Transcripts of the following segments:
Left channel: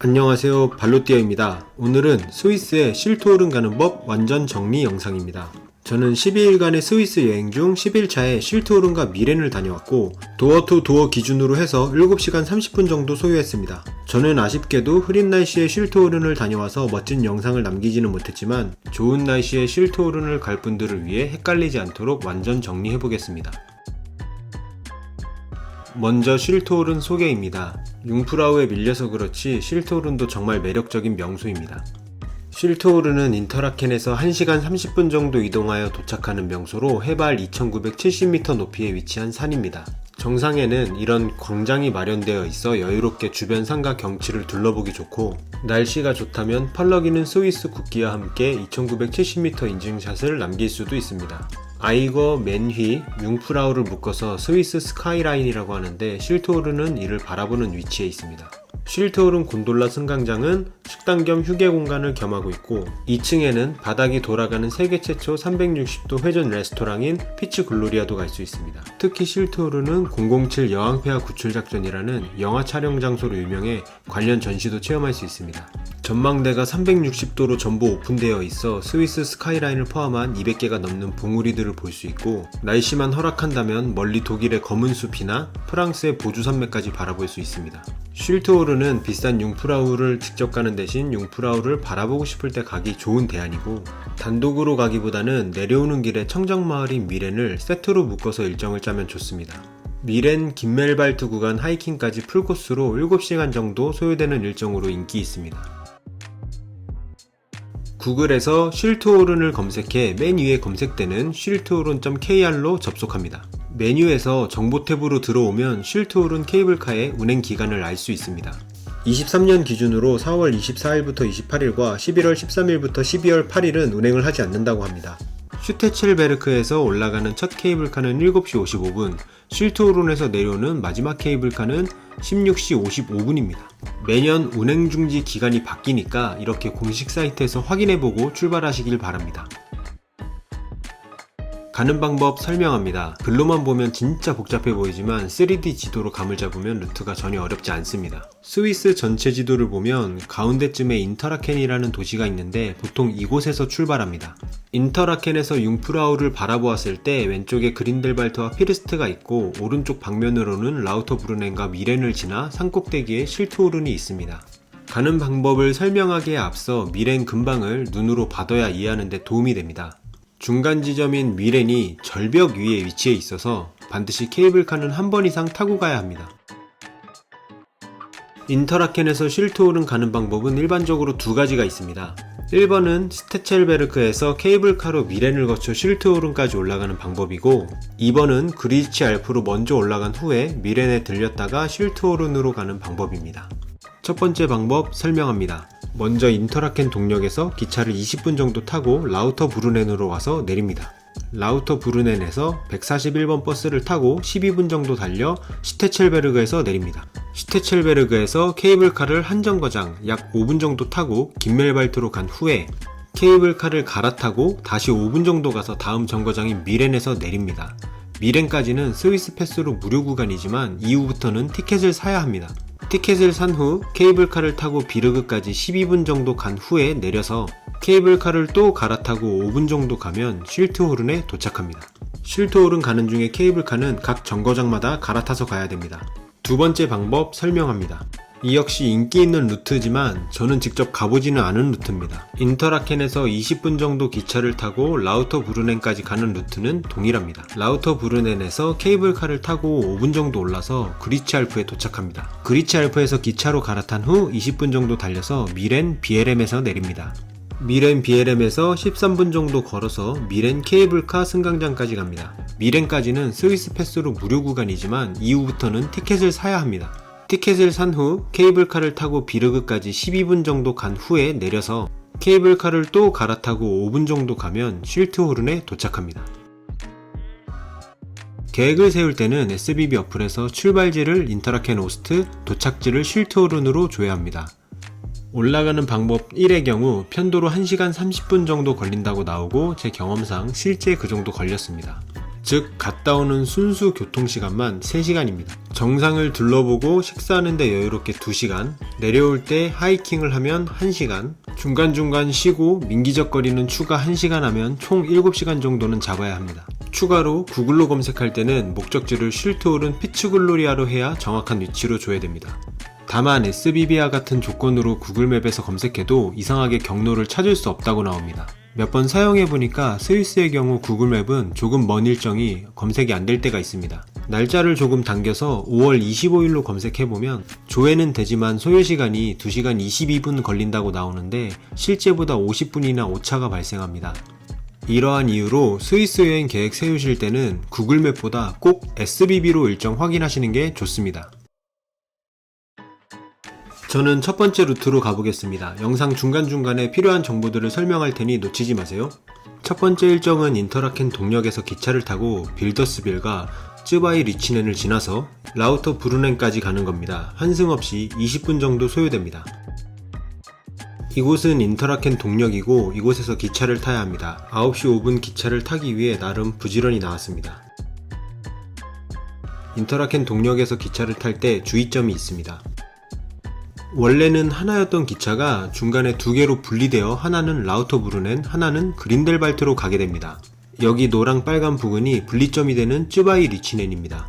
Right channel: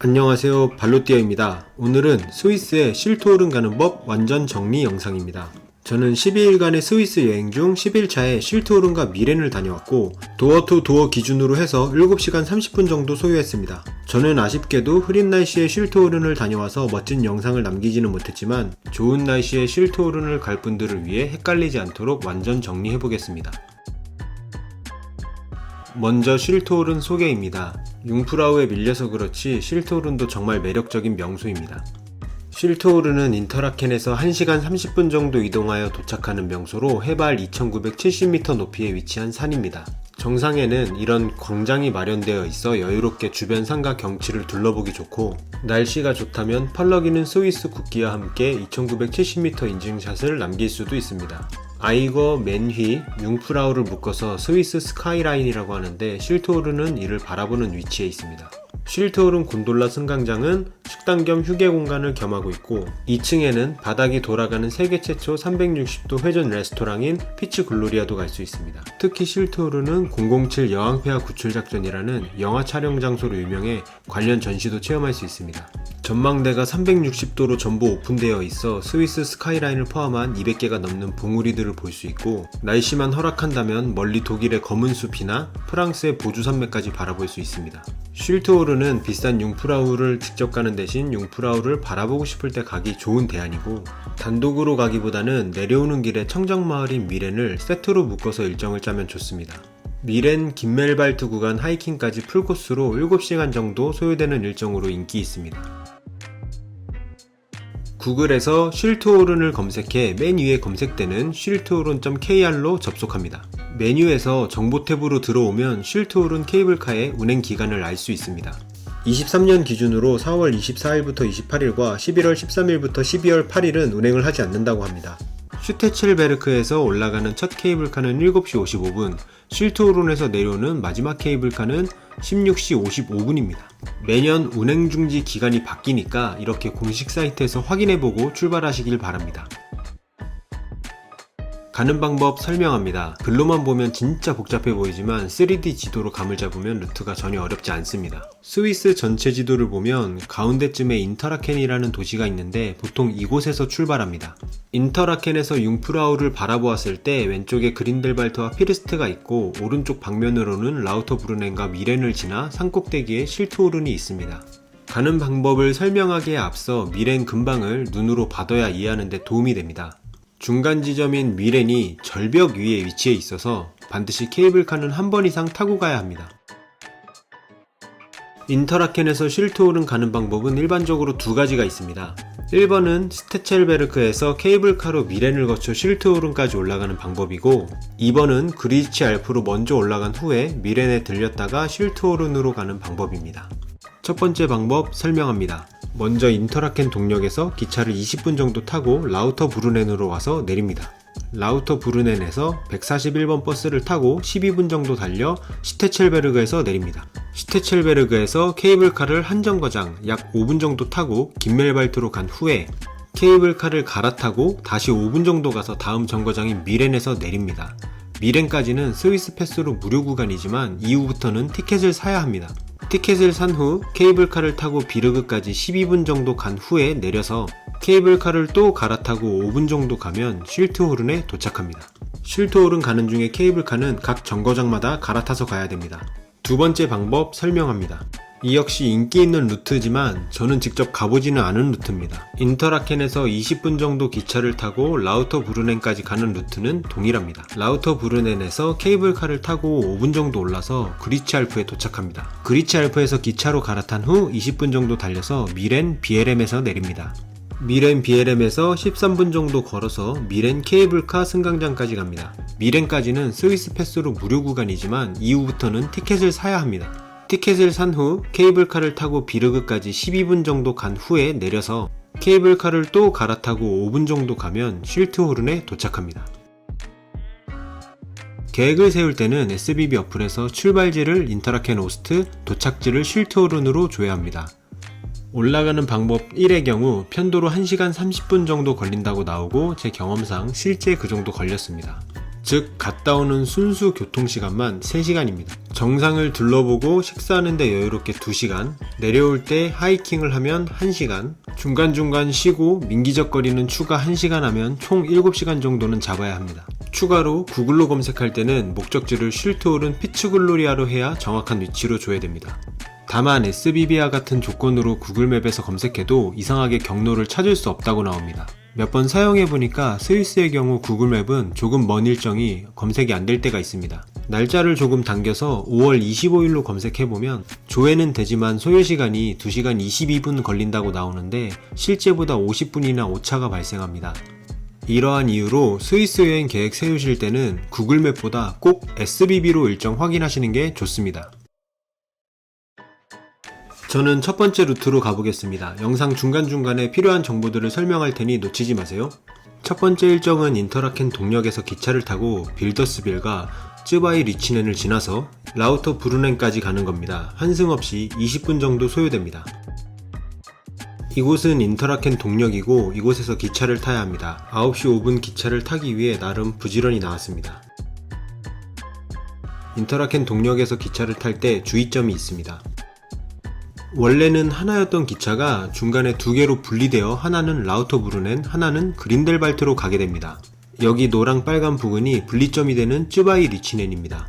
안녕하세요, 발로띠아입니다. 오늘은 스위스의 실토오른 가는 법 완전 정리 영상입니다. 저는 12일간의 스위스 여행 중 10일차에 실토오른과 미렌을 다녀왔고 도어 투 도어 기준으로 해서 7시간 30분 정도 소요했습니다. 저는 아쉽게도 흐린 날씨에 실토오른을 다녀와서 멋진 영상을 남기지는 못했지만 좋은 날씨에 실토오른을 갈 분들을 위해 헷갈리지 않도록 완전 정리해보겠습니다. 먼저 실토오른 소개입니다. 융프라우에 밀려서 그렇지 실토오른도 정말 매력적인 명소입니다. 실토오른은 인터라켄에서 1시간 30분 정도 이동하여 도착하는 명소로 해발 2970m 높이에 위치한 산입니다. 정상에는 이런 광장이 마련되어 있어 여유롭게 주변 산과 경치를 둘러보기 좋고 날씨가 좋다면 펄럭이는 스위스 국기와 함께 2970m 인증샷을 남길 수도 있습니다. 아이거, 맨휘, 융프라우를 묶어서 스위스 스카이라인이라고 하는데 실토오른은 이를 바라보는 위치에 있습니다. 실토오른 곤돌라 승강장은 식당 겸 휴게 공간을 겸하고 있고 2층에는 바닥이 돌아가는 세계 최초 360도 회전 레스토랑인 피츠 글로리아도 갈 수 있습니다. 특히 실토오른은 007 여왕폐하 구출작전이라는 영화 촬영 장소로 유명해 관련 전시도 체험할 수 있습니다. 전망대가 360도로 전부 오픈되어 있어 스위스 스카이라인을 포함한 200개가 넘는 봉우리들을 볼 수 있고 날씨만 허락한다면 멀리 독일의 검은 숲이나 프랑스의 보주 산맥까지 바라볼 수 있습니다. 실토오른은 비싼 융프라우를 직접 가는 대신 융프라우를 바라보고 싶을 때 가기 좋은 대안이고 단독으로 가기보다는 내려오는 길에 청정마을인 미렌을 세트로 묶어서 일정을 짜면 좋습니다. 미렌 김멜발트 구간 하이킹까지 풀코스로 7시간 정도 소요되는 일정으로 인기 있습니다. 구글에서 실토오른을 검색해 맨 위에 검색되는 실토오른.kr로 접속합니다. 메뉴에서 정보 탭으로 들어오면 실토오른 케이블카의 운행 기간을 알 수 있습니다. 23년 기준으로 4월 24일부터 28일과 11월 13일부터 12월 8일은 운행을 하지 않는다고 합니다. 슈테첼베르크에서 올라가는 첫 케이블카는 7시 55분, 실토오른에서 내려오는 마지막 케이블카는 16시 55분입니다. 매년 운행 중지 기간이 바뀌니까 이렇게 공식 사이트에서 확인해보고 출발하시길 바랍니다. 가는 방법 설명합니다. 글로만 보면 진짜 복잡해 보이지만 3D 지도로 감을 잡으면 루트가 전혀 어렵지 않습니다. 스위스 전체 지도를 보면 가운데쯤에 인터라켄이라는 도시가 있는데 보통 이곳에서 출발합니다. 인터라켄에서 융프라우를 바라보았을 때 왼쪽에 그린델발트와 피르스트가 있고 오른쪽 방면으로는 라우터브루넨과 미렌을 지나 산꼭대기에 실토오른이 있습니다. 가는 방법을 설명하기에 앞서 미렌 근방을 눈으로 봐둬야 이해하는 데 도움이 됩니다. 중간 지점인 미렌이 절벽 위에 위치해 있어서 반드시 케이블카는 한 번 이상 타고 가야 합니다. 인터라켄에서 실토오른 가는 방법은 일반적으로 두 가지가 있습니다. 1번은 스테첼베르크에서 케이블카로 미렌을 거쳐 실토오른까지 올라가는 방법이고 2번은 그리치 알프로 먼저 올라간 후에 미렌에 들렸다가 실토오른으로 가는 방법입니다. 첫 번째 방법 설명합니다. 먼저 인터라켄 동역에서 기차를 20분 정도 타고 라우터브루넨으로 와서 내립니다. 라우터브루넨에서 141번 버스를 타고 12분 정도 달려 슈테첼베르그에서 내립니다. 슈테첼베르그에서 케이블카를 한 정거장 약 5분 정도 타고 김멜발트로 간 후에 케이블카를 갈아타고 다시 5분 정도 가서 다음 정거장인 미렌에서 내립니다. 미렌까지는 스위스 패스로 무료 구간이지만 이후부터는 티켓을 사야 합니다. 티켓을 산 후 케이블카를 타고 비르그까지 12분 정도 간 후에 내려서 케이블카를 또 갈아타고 5분 정도 가면 실토오른에 도착합니다. 실토오른 가는 중에 케이블카는 각 정거장마다 갈아타서 가야 됩니다. 두 번째 방법 설명합니다. 이 역시 인기 있는 루트지만 저는 직접 가보지는 않은 루트입니다. 인터라켄에서 20분 정도 기차를 타고 라우터브루넨까지 가는 루트는 동일합니다. 라우터브루넨에서 케이블카를 타고 5분 정도 올라서 그리치알프에 도착합니다. 그리치알프에서 기차로 갈아탄 후 20분 정도 달려서 미렌 비에렘에서 내립니다. 미렌 비에렘에서 13분 정도 걸어서 미렌 케이블카 승강장까지 갑니다. 미렌까지는 스위스 패스로 무료 구간이지만 이후부터는 티켓을 사야 합니다. 티켓을 산 후 케이블카를 타고 비르그까지 12분 정도 간 후에 내려서 케이블카를 또 갈아타고 5분 정도 가면 실토오른에 도착합니다. 계획을 세울 때는 SBB 어플에서 출발지를 인터라켄 오스트, 도착지를 실토오른으로 조회합니다. 올라가는 방법 1의 경우 편도로 1시간 30분 정도 걸린다고 나오고 제 경험상 실제 그 정도 걸렸습니다. 즉 갔다 오는 순수 교통시간만 3시간입니다. 정상을 둘러보고 식사하는데 여유롭게 2시간, 내려올 때 하이킹을 하면 1시간, 중간중간 쉬고 민기적거리는 추가 1시간 하면 총 7시간 정도는 잡아야 합니다. 추가로 구글로 검색할 때는 목적지를 쉴트홀은 피츠글로리아로 해야 정확한 위치로 줘야 됩니다. 다만 SBB와 같은 조건으로 구글맵에서 검색해도 이상하게 경로를 찾을 수 없다고 나옵니다. 몇 번 사용해보니까 스위스의 경우 구글맵은 조금 먼 일정이 검색이 안 될 때가 있습니다. 날짜를 조금 당겨서 5월 25일로 검색해보면 조회는 되지만 소요시간이 2시간 22분 걸린다고 나오는데 실제보다 50분이나 오차가 발생합니다. 이러한 이유로 스위스 여행 계획 세우실 때는 구글맵보다 꼭 SBB로 일정 확인하시는 게 좋습니다. 저는 첫 번째 루트로 가보겠습니다. 영상 중간중간에 필요한 정보들을 설명할 테니 놓치지 마세요. 첫 번째 일정은 인터라켄 동역에서 기차를 타고 빌더스빌과 쯔바이 리치넨을 지나서 라우터 브루넨까지 가는 겁니다. 환승 없이 20분 정도 소요됩니다. 이곳은 인터라켄 동역이고 이곳에서 기차를 타야 합니다. 9시 5분 기차를 타기 위해 나름 부지런히 나왔습니다. 인터라켄 동역에서 기차를 탈 때 주의점이 있습니다. 원래는 하나였던 기차가 중간에 2개로 분리되어 하나는 라우터브루넨, 하나는 그린델발트로 가게 됩니다. 여기 노랑 빨간 부근이 분리점이 되는 쯔바이 리치넨입니다.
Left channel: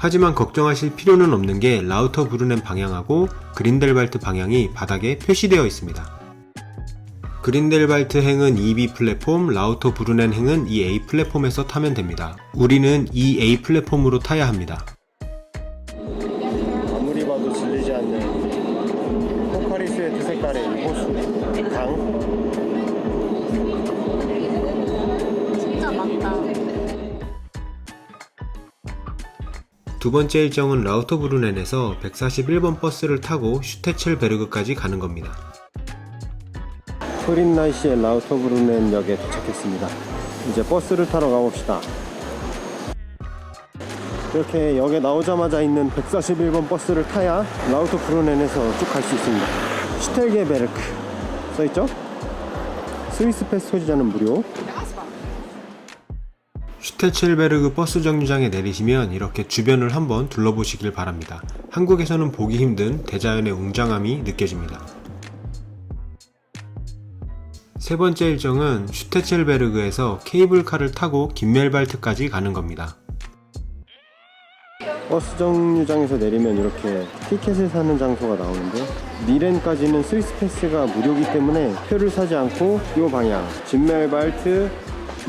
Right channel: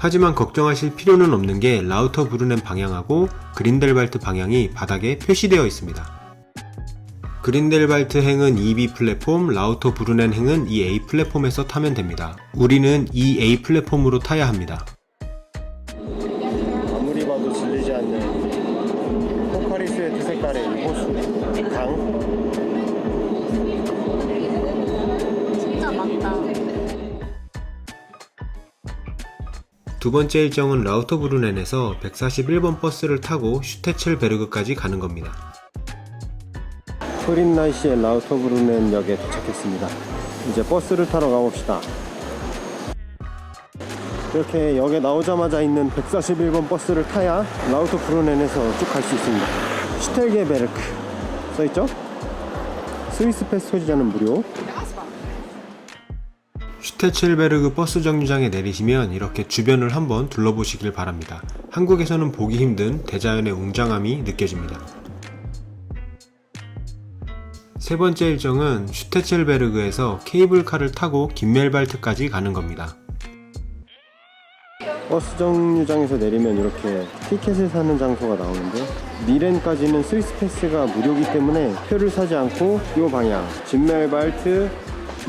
하지만 걱정하실 필요는 없는 게 라우터브루넨 방향하고 그린델발트 방향이 바닥에 표시되어 있습니다. 그린델발트 행은 2B 플랫폼, 라우터브루넨 행은 2A 플랫폼에서 타면 됩니다. 우리는 2A 플랫폼으로 타야 합니다. 아무리 봐도 질리지 않는 포카리 스웨트 색깔의 이 호수 강. 진짜 많다. 두 번째 일정은 라우터브루넨에서 141번 버스를 타고 슈테첼베르그까지 가는 겁니다. 흐린 날씨에 라우터브루넨 역에 도착했습니다. 이제 버스를 타러 가봅시다. 이렇게 역에 나오자마자 있는 141번 버스를 타야 라우터브루넨에서 쭉 갈 수 있습니다. 슈텔게베르크 써있죠? 스위스 패스 소지자는 무료. 슈테첼베르그 버스 정류장에 내리시면 이렇게 주변을 한번 둘러보시길 바랍니다. 한국에서는 보기 힘든 대자연의 웅장함이 느껴집니다. 세 번째 일정은 슈테첼베르그에서 케이블카를 타고 김멜발트까지 가는 겁니다. 버스 정류장에서 내리면 이렇게 티켓을 사는 장소가 나오는데 미렌까지는 스위스 패스가 무료이기 때문에 표를 사지 않고 이 방향 진멜발트,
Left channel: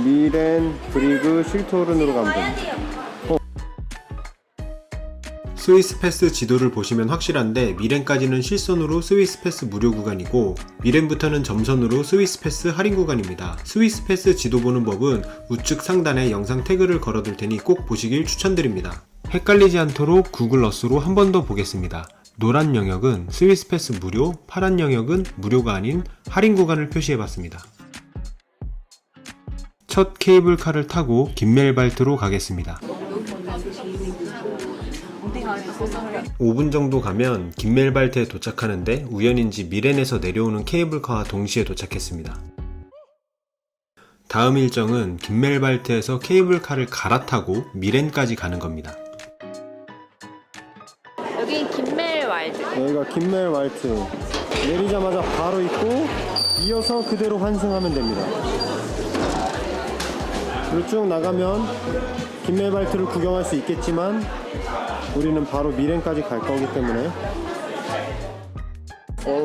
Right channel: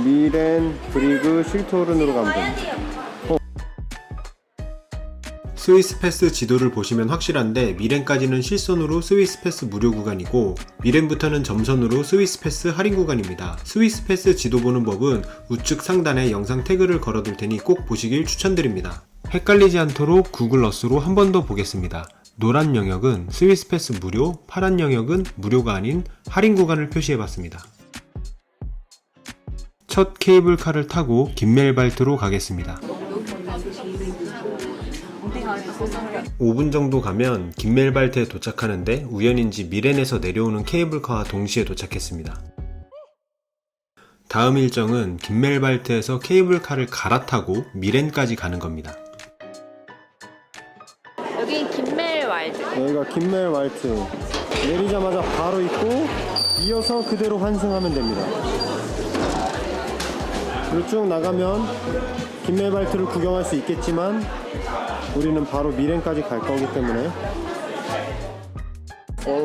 미렌, 브리그, 쉴트호른으로 가면 됩니다. 스위스 패스 지도를 보시면 확실한데 미렌까지는 실선으로 스위스 패스 무료 구간이고 미렌부터는 점선으로 스위스 패스 할인 구간입니다. 스위스 패스 지도 보는 법은 우측 상단에 영상 태그를 걸어둘 테니 꼭 보시길 추천드립니다. 헷갈리지 않도록 구글 어스로 한 번 더 보겠습니다. 노란 영역은 스위스 패스 무료, 파란 영역은 무료가 아닌 할인 구간을 표시해봤습니다. 첫 케이블카를 타고 김멜발트로 가겠습니다. 5분 정도 가면 김멜발트에 도착하는데 우연인지 미렌에서 내려오는 케이블카와 동시에 도착했습니다. 다음 일정은 김멜발트에서 케이블카를 갈아타고 미렌까지 가는 겁니다. 여긴 김멜왈드. 여기가 김멜왈트 내리자마자 바로 있고 이어서 그대로 환승하면 됩니다. 그리고 쭉 나가면 김멜발트를 구경할 수 있겠지만 우리는 바로 미렌까지 갈 거기 때문에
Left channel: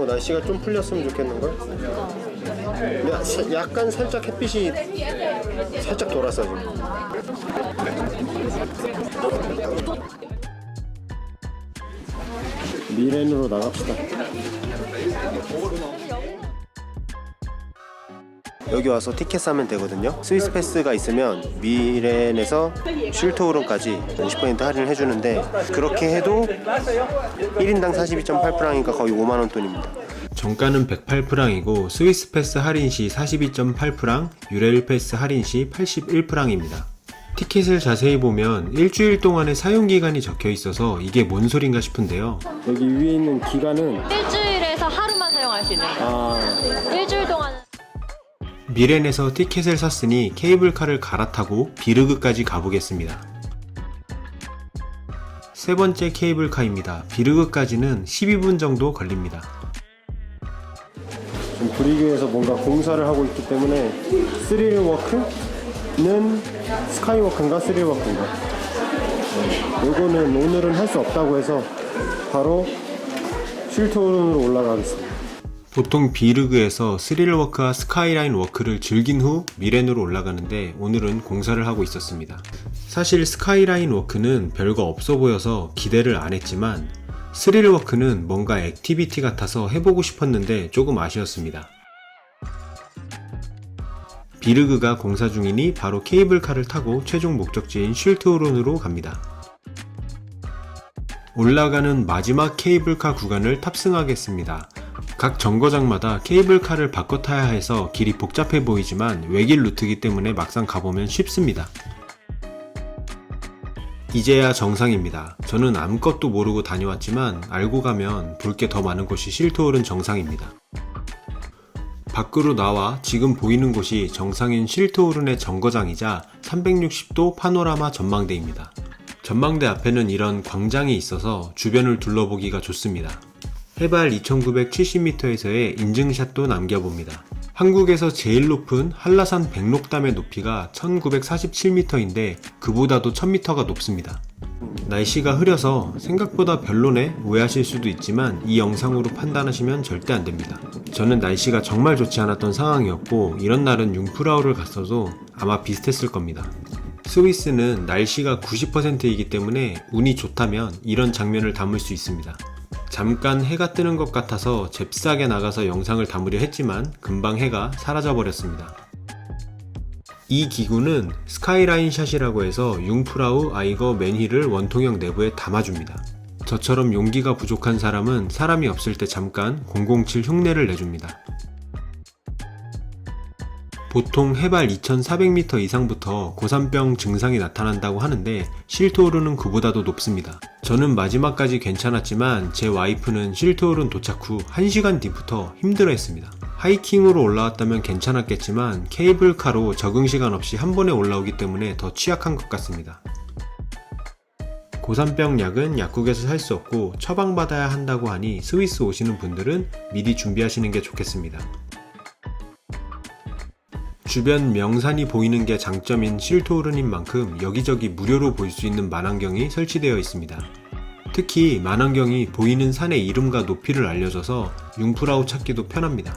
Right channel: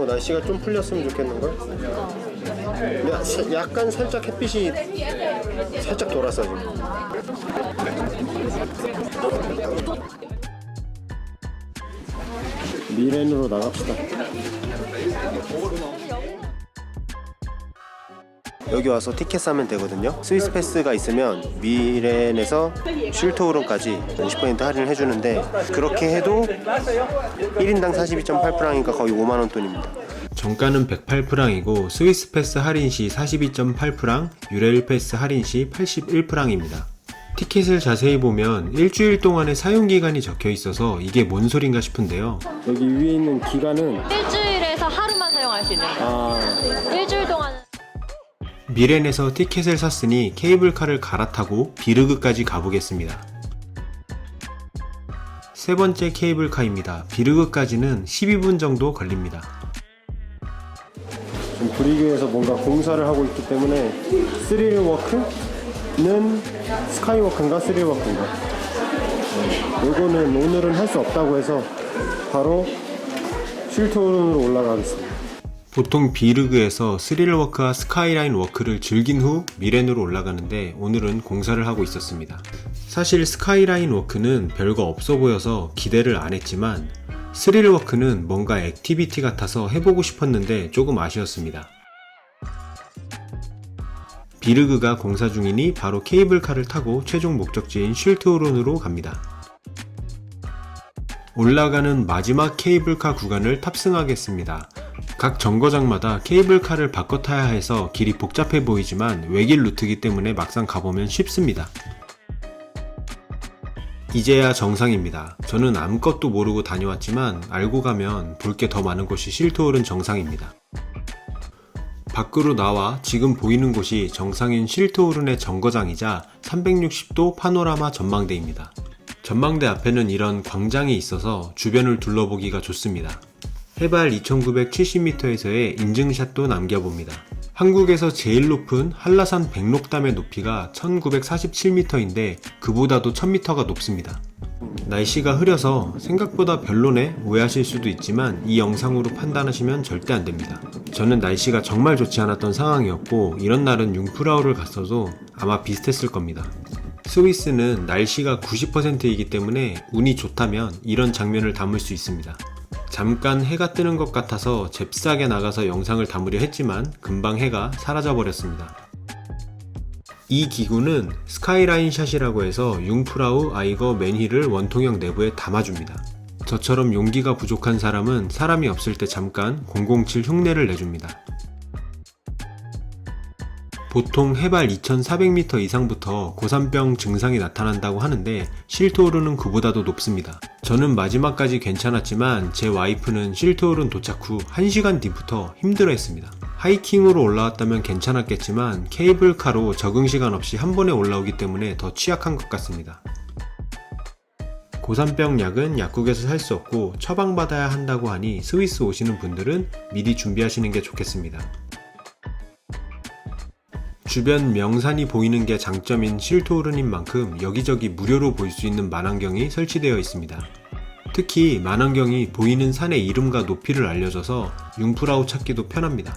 날씨가 좀 풀렸으면 좋겠는걸? 근데 약간 살짝 햇빛이 살짝 돌았어 지금. 미렌으로 나갑시다. 여기 와서 티켓 사면 되거든요. 스위스 패스가 있으면 미렌에서 쉴트호른까지 50% 할인을 해주는데 그렇게 해도 1인당 42.8프랑이니까 거의 5만원 돈입니다. 정가는 108프랑이고 스위스 패스 할인 시 42.8프랑, 유레일 패스 할인 시 81프랑입니다. 티켓을 자세히 보면 일주일 동안의 사용기간이 적혀 있어서 이게 뭔 소린가 싶은데요. 여기 위에 있는 기간은 일주일에서 하루만 사용할 수 있는 거. 일주일 동안 미렌에서 티켓을 샀으니 케이블카를 갈아타고 비르그까지 가보겠습니다. 세 번째 케이블카입니다. 비르그까지는 12분 정도 걸립니다. 지금 브리그에서 뭔가 공사를 하고 있기 때문에 스릴워크는 스카이워크인가 스릴워크인가 요거는 오늘은 할 수 없다고 해서 바로 쉴트오른으로 올라가겠습니다. 보통 비르그에서 스릴워크와 스카이라인 워크를 즐긴 후 미렌으로 올라가는데 오늘은 공사를 하고 있었습니다. 사실 스카이라인 워크는 별거 없어 보여서 기대를 안 했지만 스릴워크는 뭔가 액티비티 같아서 해보고 싶었는데 조금 아쉬웠습니다. 비르그가 공사 중이니 바로 케이블카를 타고 최종 목적지인 쉴트오른으로 갑니다. 올라가는 마지막 케이블카 구간을 탑승하겠습니다. 각 정거장마다 케이블카를 바꿔 타야 해서 길이 복잡해 보이지만 외길 루트이기 때문에 막상 가보면 쉽습니다. 이제야 정상입니다. 저는 아무것도 모르고 다녀왔지만 알고 가면 볼 게 더 많은 곳이 쉴트오른 정상입니다. 밖으로 나와 지금 보이는 곳이 정상인 쉴트오른의 정거장이자 360도 파노라마 전망대입니다. 전망대 앞에는 이런 광장이 있어서 주변을 둘러보기가 좋습니다. 해발 2970m에서의 인증샷도 남겨봅니다. 한국에서 제일 높은 한라산 백록담의 높이가 1947m인데 그보다도 1000m가 높습니다. 날씨가 흐려서 생각보다 별로네 오해하실 수도 있지만 이 영상으로 판단하시면 절대 안됩니다. 저는 날씨가 정말 좋지 않았던 상황이었고 이런 날은 융프라우를 갔어도 아마 비슷했을 겁니다. 스위스는 날씨가 90%이기 때문에 운이 좋다면 이런 장면을 담을 수 있습니다. 잠깐 해가 뜨는 것 같아서 잽싸게 나가서 영상을 담으려 했지만 금방 해가 사라져 버렸습니다. 이 기구는 스카이라인 샷이라고 해서 융프라우 아이거 맨힐을 원통형 내부에 담아줍니다. 저처럼 용기가 부족한 사람은 사람이 없을 때 잠깐 007 흉내를 내줍니다. 보통 해발 2400m 이상부터 고산병 증상이 나타난다고 하는데 쉴트오른은 그보다도 높습니다. 저는 마지막까지 괜찮았지만 제 와이프는 쉴트오른 도착 후 1시간 뒤부터 힘들어했습니다. 하이킹으로 올라왔다면 괜찮았겠지만 케이블카로 적응시간 없이 한 번에 올라오기 때문에 더 취약한 것 같습니다. 고산병 약은 약국에서 살 수 없고 처방받아야 한다고 하니 스위스 오시는 분들은 미리 준비하시는 게 좋겠습니다. 주변 명산이 보이는 게 장점인 쉴트오른인 만큼 여기저기 무료로 볼 수 있는 만환경이 설치되어 있습니다. 특히 만환경이 보이는 산의 이름과 높이를 알려줘서 융프라우 찾기도 편합니다.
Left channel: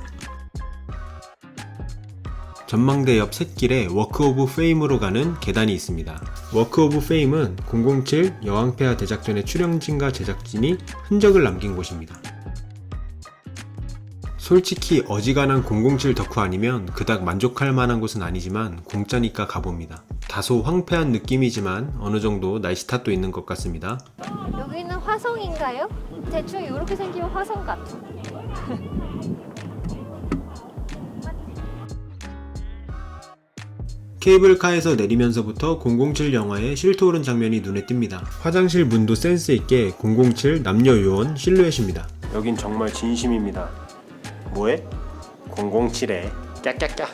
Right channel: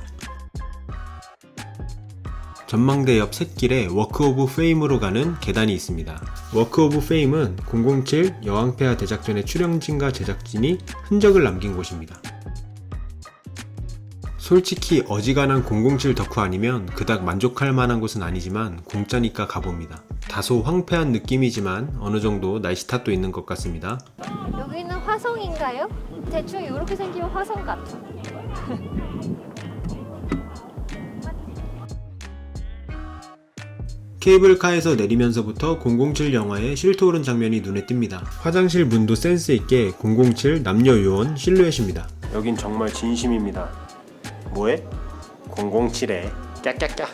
전망대 옆 샛길에 워크 오브 페임으로 가는 계단이 있습니다. 워크 오브 페임은 007 여왕폐하 대작전의 출연진과 제작진이 흔적을 남긴 곳입니다. 솔직히 어지간한 007 덕후 아니면 그닥 만족할 만한 곳은 아니지만 공짜니까 가봅니다. 다소 황폐한 느낌이지만 어느 정도 날씨 탓도 있는 것 같습니다. 여기는 화성인가요? 대충 이렇게 생기면 화성 같아. 케이블카에서 내리면서부터 007 영화의 쉴트오른 장면이 눈에 띕니다. 화장실 문도 센스 있게 007 남녀 요원 실루엣입니다. 여긴 정말 진심입니다. 뭐해? 007에 깍깍깍.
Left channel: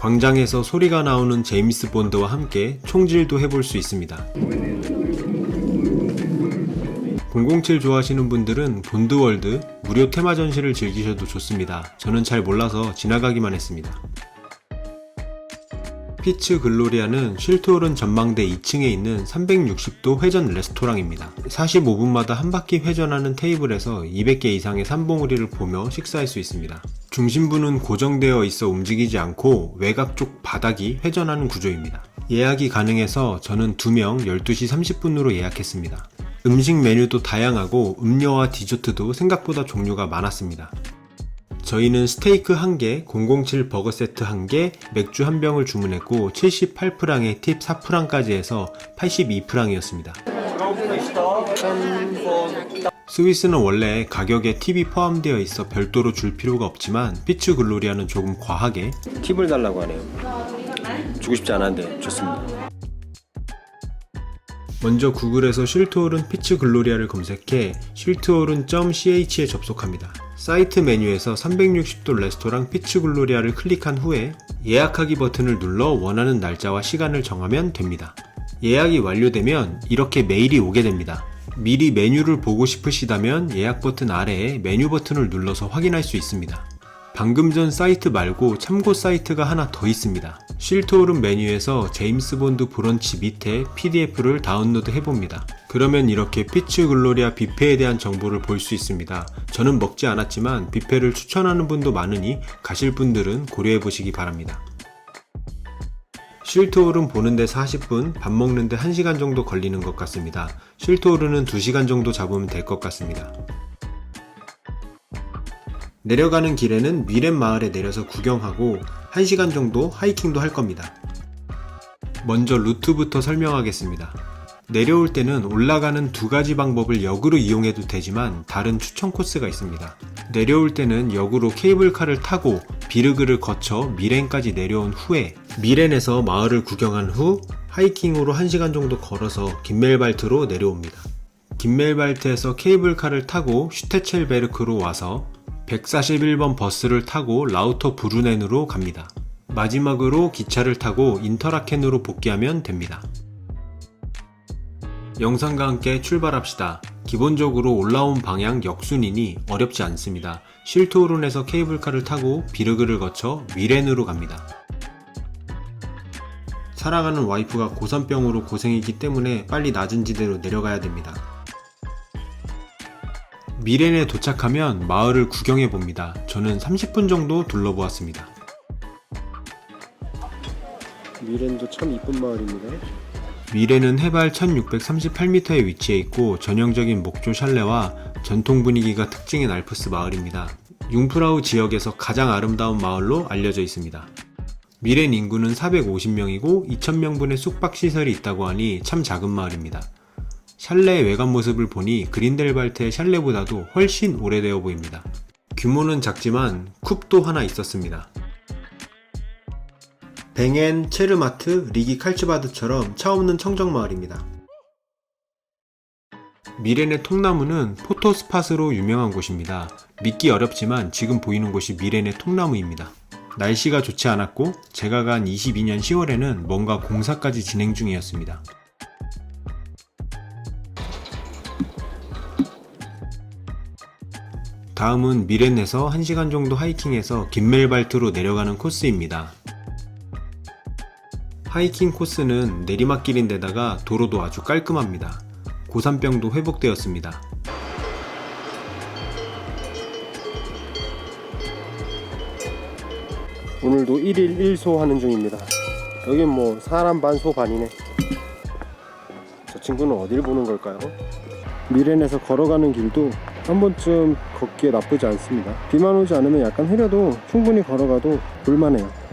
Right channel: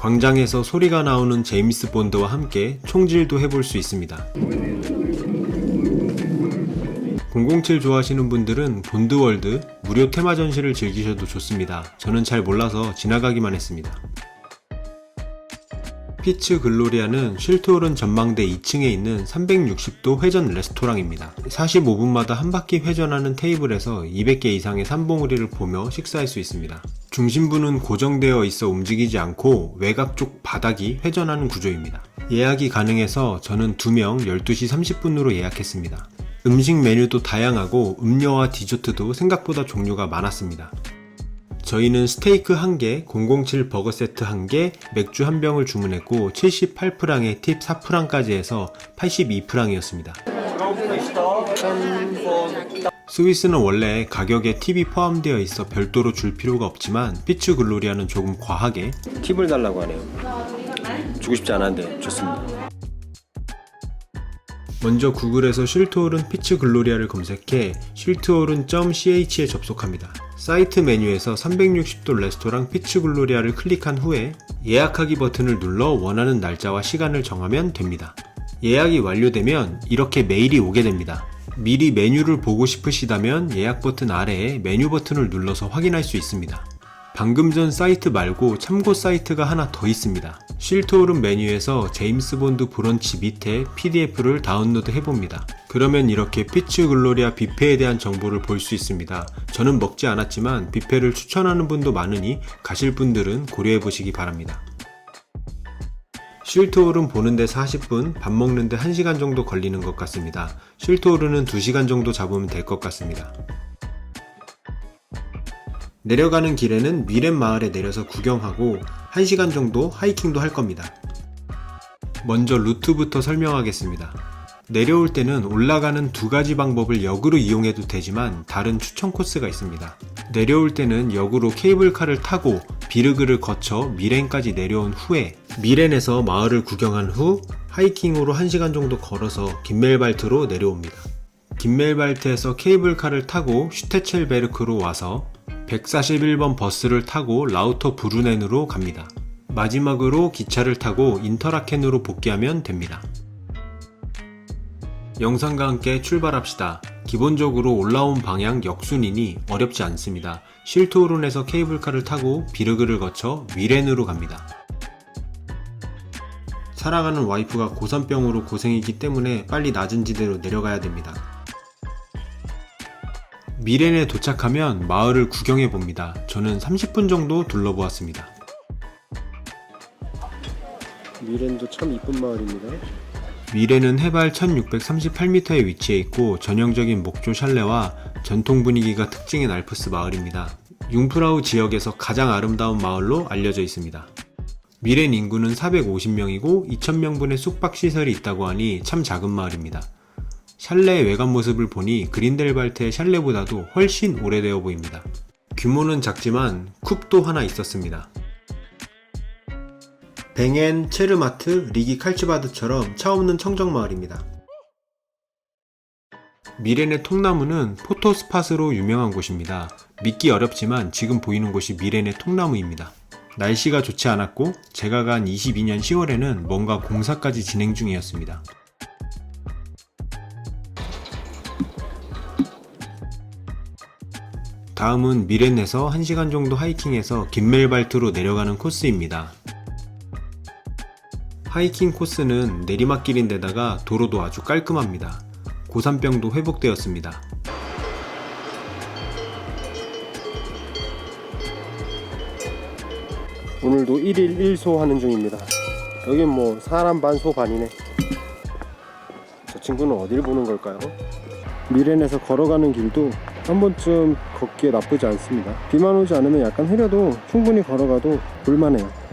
광장에서 소리가 나오는 제임스 본드와 함께 총질도 해볼 수 있습니다. 007 좋아하시는 분들은 본드월드 무료 테마 전시를 즐기셔도 좋습니다. 저는 잘 몰라서 지나가기만 했습니다. 피츠 글로리아는 쉴트오른 전망대 2층에 있는 360도 회전 레스토랑입니다. 45분마다 한 바퀴 회전하는 테이블에서 200개 이상의 산봉우리를 보며 식사할 수 있습니다. 중심부는 고정되어 있어 움직이지 않고 외곽 쪽 바닥이 회전하는 구조입니다. 예약이 가능해서 저는 2명 12시 30분으로 예약했습니다. 음식 메뉴도 다양하고 음료와 디저트도 생각보다 종류가 많았습니다. 저희는 스테이크 1개, 007 버거 세트 1개, 맥주 1병을 주문했고 78프랑에 팁 4프랑까지 해서 82프랑이었습니다. 스위스는 원래 가격에 팁이 포함되어 있어 별도로 줄 필요가 없지만 피츠 글로리아는 조금 과하게 팁을 달라고 하네요. 주고 싶지 않았는데 좋습니다. 먼저 구글에서 쉴트오른 피츠 글로리아를 검색해 쉴트오른.ch에 접속합니다. 사이트 메뉴에서 360도 레스토랑 피츠글로리아를 클릭한 후에 예약하기 버튼을 눌러 원하는 날짜와 시간을 정하면 됩니다. 예약이 완료되면 이렇게 메일이 오게 됩니다. 미리 메뉴를 보고 싶으시다면 예약 버튼 아래에 메뉴 버튼을 눌러서 확인할 수 있습니다. 방금 전 사이트 말고 참고 사이트가 하나 더 있습니다. 쉴트오른 메뉴에서 제임스 본드 브런치 밑에 PDF를 다운로드 해봅니다. 그러면 이렇게 피츠 글로리아 뷔페에 대한 정보를 볼 수 있습니다. 저는 먹지 않았지만 뷔페를 추천하는 분도 많으니 가실 분들은 고려해보시기 바랍니다. 쉴트오른 보는데 40분, 밥 먹는데 1시간 정도 걸리는 것 같습니다. 쉴트오른은 2시간 정도 잡으면 될 것 같습니다. 내려가는 길에는 미렌 마을에 내려서 구경하고 1시간 정도 하이킹도 할 겁니다. 먼저 루트부터 설명하겠습니다. 내려올 때는 올라가는 두 가지 방법을 역으로 이용해도 되지만 다른 추천 코스가 있습니다. 내려올 때는 역으로 케이블카를 타고 비르그를 거쳐 미렌까지 내려온 후에 미렌에서 마을을 구경한 후 하이킹으로 1시간 정도 걸어서 긴멜발트로 내려옵니다. 긴멜발트에서 케이블카를 타고 슈테첼베르크로 와서 141번 버스를 타고 라우터 브루넨으로 갑니다. 마지막으로 기차를 타고 인터라켄으로 복귀하면 됩니다. 영상과 함께 출발합시다. 기본적으로 올라온 방향 역순이니 어렵지 않습니다. 쉴트오른에서 케이블카를 타고 비르그를 거쳐 미렌으로 갑니다. 사랑하는 와이프가 고산병으로 고생이기 때문에 빨리 낮은 지대로 내려가야 됩니다. 미렌에 도착하면 마을을 구경해 봅니다. 저는 30분 정도 둘러보았습니다. 미렌도 참 이쁜 마을입니다. 미렌은 해발 1638m에 위치해 있고 전형적인 목조 샬레와 전통 분위기가 특징인 알프스 마을입니다. 융프라우 지역에서 가장 아름다운 마을로 알려져 있습니다. 미렌 인구는 450명이고 2000명분의 숙박시설이 있다고 하니 참 작은 마을입니다. 샬레의 외관 모습을 보니 그린델발트의 샬레보다도 훨씬 오래되어 보입니다. 규모는 작지만 쿱도 하나 있었습니다. 뱅엔, 체르마트, 리기 칼츠바드처럼 차 없는 청정마을입니다. 미렌의 통나무는 포토스팟으로 유명한 곳입니다. 믿기 어렵지만 지금 보이는 곳이 미렌의 통나무입니다. 날씨가 좋지 않았고 제가 간 22년 10월에는 뭔가 공사까지 진행 중이었습니다. 다음은 미렌에서 1시간 정도 하이킹해서 긴멜발트로 내려가는 코스입니다. 하이킹 코스는 내리막길인데다가 도로도 아주 깔끔합니다. 고산병도 회복되었습니다. 오늘도 1일 1소 하는 중입니다. 여긴 뭐 사람 반 소 반이네. 저 친구는 어딜 보는 걸까요? 미렌에서 걸어가는 길도 한 번쯤 걷기에 나쁘지 않습니다. 비만 오지 않으면 약간 흐려도 충분히 걸어가도 볼만해요.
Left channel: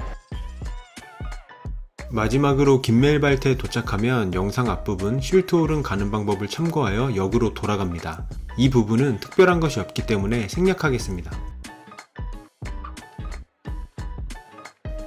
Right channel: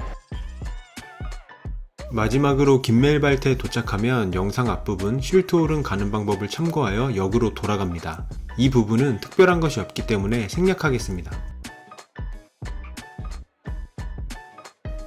마지막으로 긴멜발트에 도착하면 영상 앞부분 쉴트오른 가는 방법을 참고하여 역으로 돌아갑니다. 이 부분은 특별한 것이 없기 때문에 생략하겠습니다.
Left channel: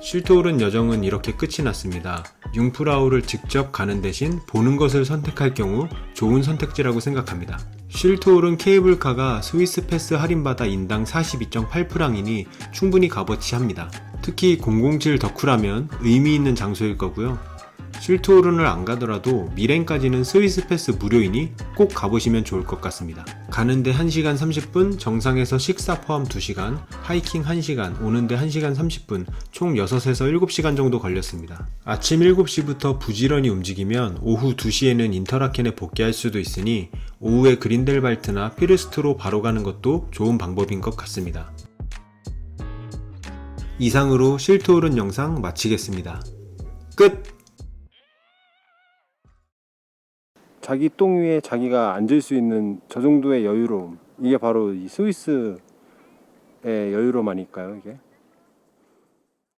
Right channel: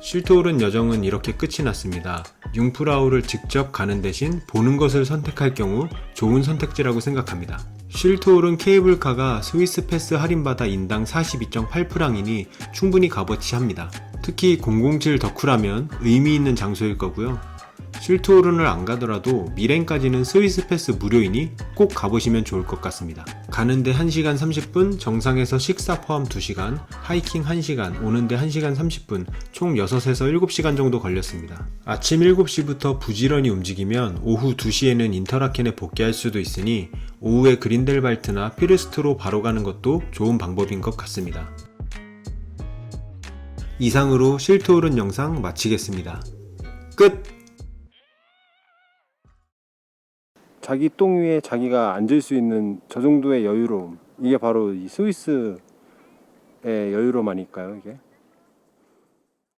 쉴트오른 여정은 이렇게 끝이 났습니다. 융프라우를 직접 가는 대신 보는 것을 선택할 경우 좋은 선택지라고 생각합니다. 쉴트오른 케이블카가 스위스 패스 할인받아 인당 42.8프랑이니 충분히 값어치합니다. 특히 007 덕후라면 의미 있는 장소일 거고요. 쉴트오른을 안 가더라도 미렌까지는 스위스 패스 무료이니 꼭 가보시면 좋을 것 같습니다. 가는데 1시간 30분, 정상에서 식사 포함 2시간, 하이킹 1시간, 오는데 1시간 30분, 총 6에서 7시간 정도 걸렸습니다. 아침 7시부터 부지런히 움직이면 오후 2시에는 인터라켄에 복귀할 수도 있으니 오후에 그린델발트나 피르스트로 바로 가는 것도 좋은 방법인 것 같습니다. 이상으로 쉴트오른 영상 마치겠습니다. 끝! 자기 똥 위에 자기가 앉을 수 있는 저 정도의 여유로움, 이게 바로 이 스위스의 여유로움 아닐까요, 이게?